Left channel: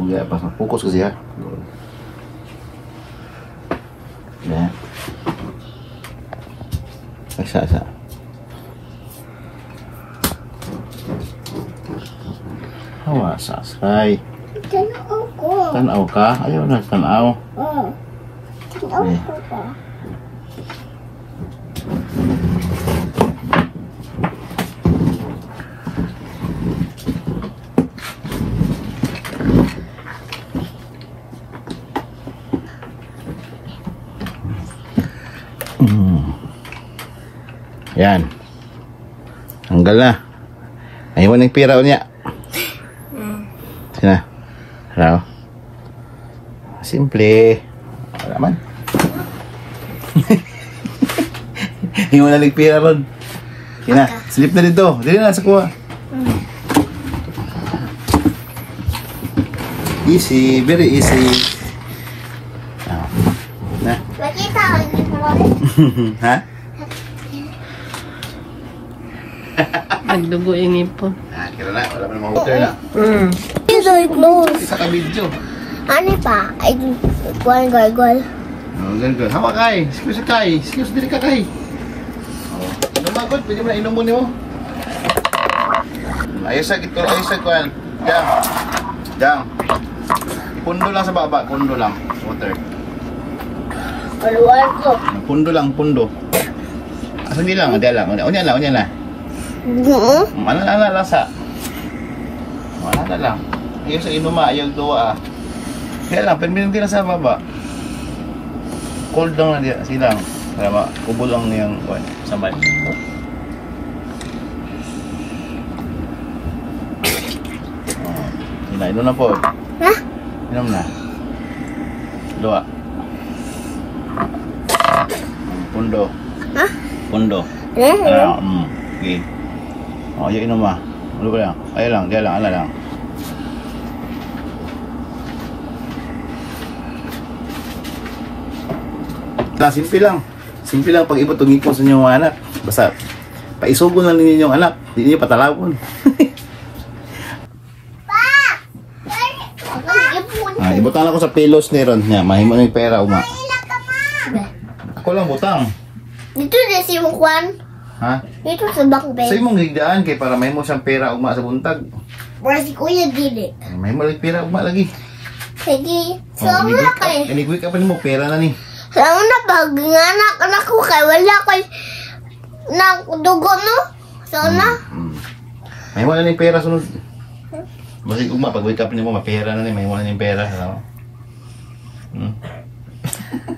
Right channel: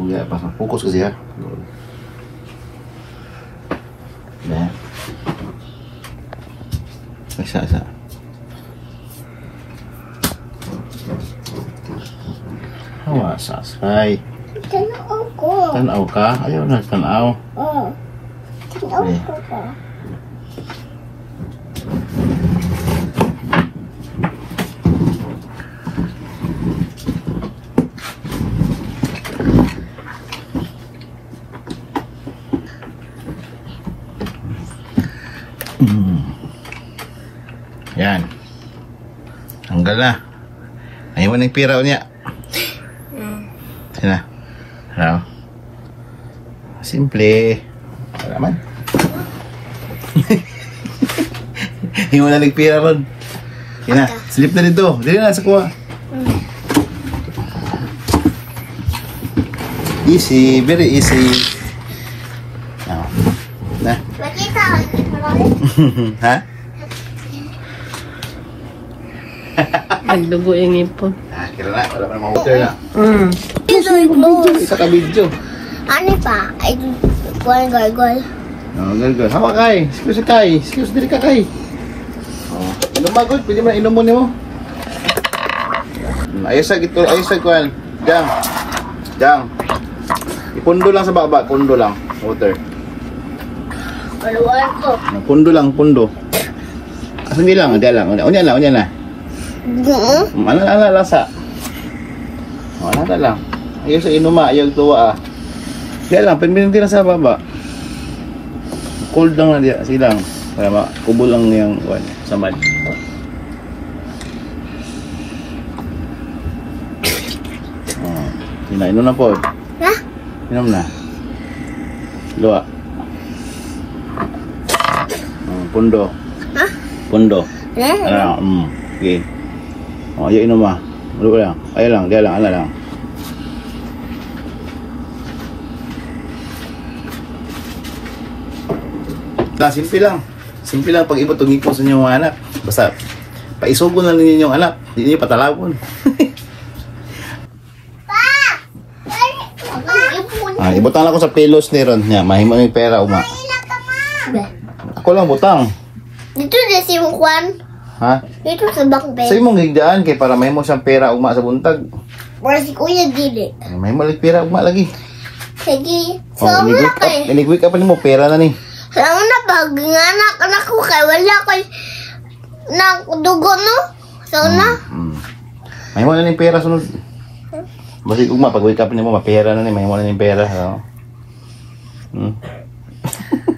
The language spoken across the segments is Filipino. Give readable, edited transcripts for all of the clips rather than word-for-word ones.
Huwag pas fokus kasi ha. Ya. Isa. Awas, asay. Tanaw ko. Tanaw ka? Ayaw na tanaw. Tanaw ko pa. Yan. Hanggal na. Ayaw mo ng pira niya. Sina. Ano? Simple. Wala man. Hindi mo na nagpira ron. Sina. Slip na dito. Dito na sa kuha. Easy. Very easy. Na. Makita ko. Ha? Nagdugo yung ipon. Kira na. Wala pa na mahukay na. Isa ka video. Ano pa? Ay, gol. Gol. Hawa kay. Excuse kay. Excuse diri ka kay. Inom ba gol? Pwede mo inom mo niyo. Ayos sa gito. Ayos sa kuan. Jam. Ipundo lang sa baba. Pundo lang. Water. Paluan ko. Pundo lang. Pundo. Asa ni lang. Ada lang. Unya na. Ano na lasa? Ano na lang. Ayos sa inuma. Ayaw tuwa ah. Kaya lang. Pinipin din sa baba. Cold lang na diya. Silang. Para kubo lang niyang samad. Inom na po. Ha? Inom na. Luwa. Pundo. Ha? Pundo. Okay. Ayaw inom ah. Ulo lang. Ayaw lang. Dia lang. Ala lang. Simple lang. Simple lang pag ibutong ipon sa inyong anak. Basta paisugon na ninyo yung anak. Hindi niyo patalawon. Ibutang lang ko sa pelos ni Ron. Mahimo yung pera uma. Ako lang butang. Dito na si Juan. Ha? Dito sa backbed. Sa imong higdaan kay para mahimo siyang pera uma sa buntag. Para si Kuya dili. Mahimo lig pera uma lagi. Sige. So, wala kay. Inigwi ka pa nimo pera na ni. So, na pag anak ko kay wala kay nang dugo no. So, na. Mahimo na ni pera sunod. Basi ugma pag wake up nimo mapera na ni mahimo na ni pera.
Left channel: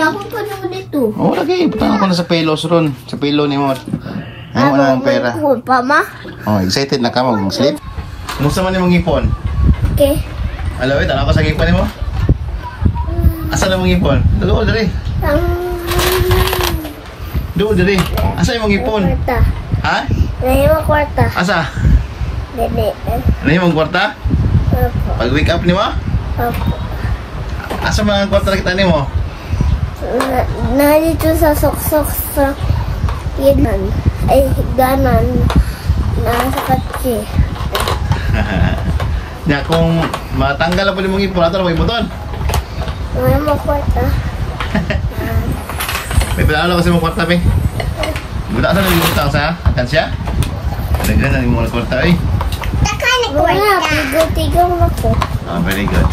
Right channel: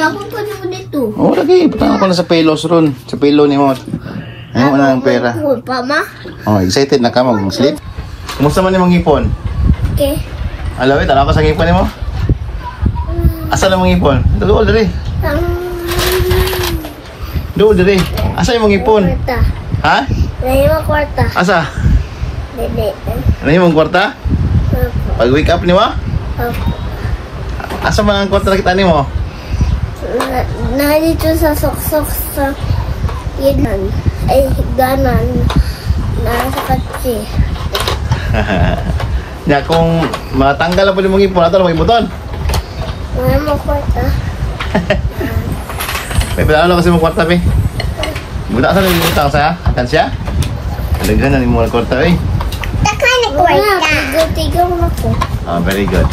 Ako pa naman dito. Oh, lagi. Butang ako na sa pelos ron. Sa pelo ni mo. Mahimo na ang pera. Pa, ma? Oh, excited na ka mag-sleep? Kumusta man imong ngipon? Okay. Alawit, ala ko sa ngipon nimo. Asa na mong ngipon? Duol diri. Duol diri. Asa imong ngipon? Kwarta. Ha? May mga kwarta. Asa? Dede. Ano imong kwarta? Pag wake up nimo? Asa man ang kwarta nakita nimo? Na dito sa sok-sok sa higdanan. Ay, higdanan. Nasa katsi. Nya kung matanggal na po nimong ngipon, ato na mo ibuton. May mga kwarta. May pala kasi mong kwarta, be. Guna sa nang ibutang sa akan siya? Alaga na ni mo kwarta, eh. Takay na kwarta. Tigaw ako. Ah, very good.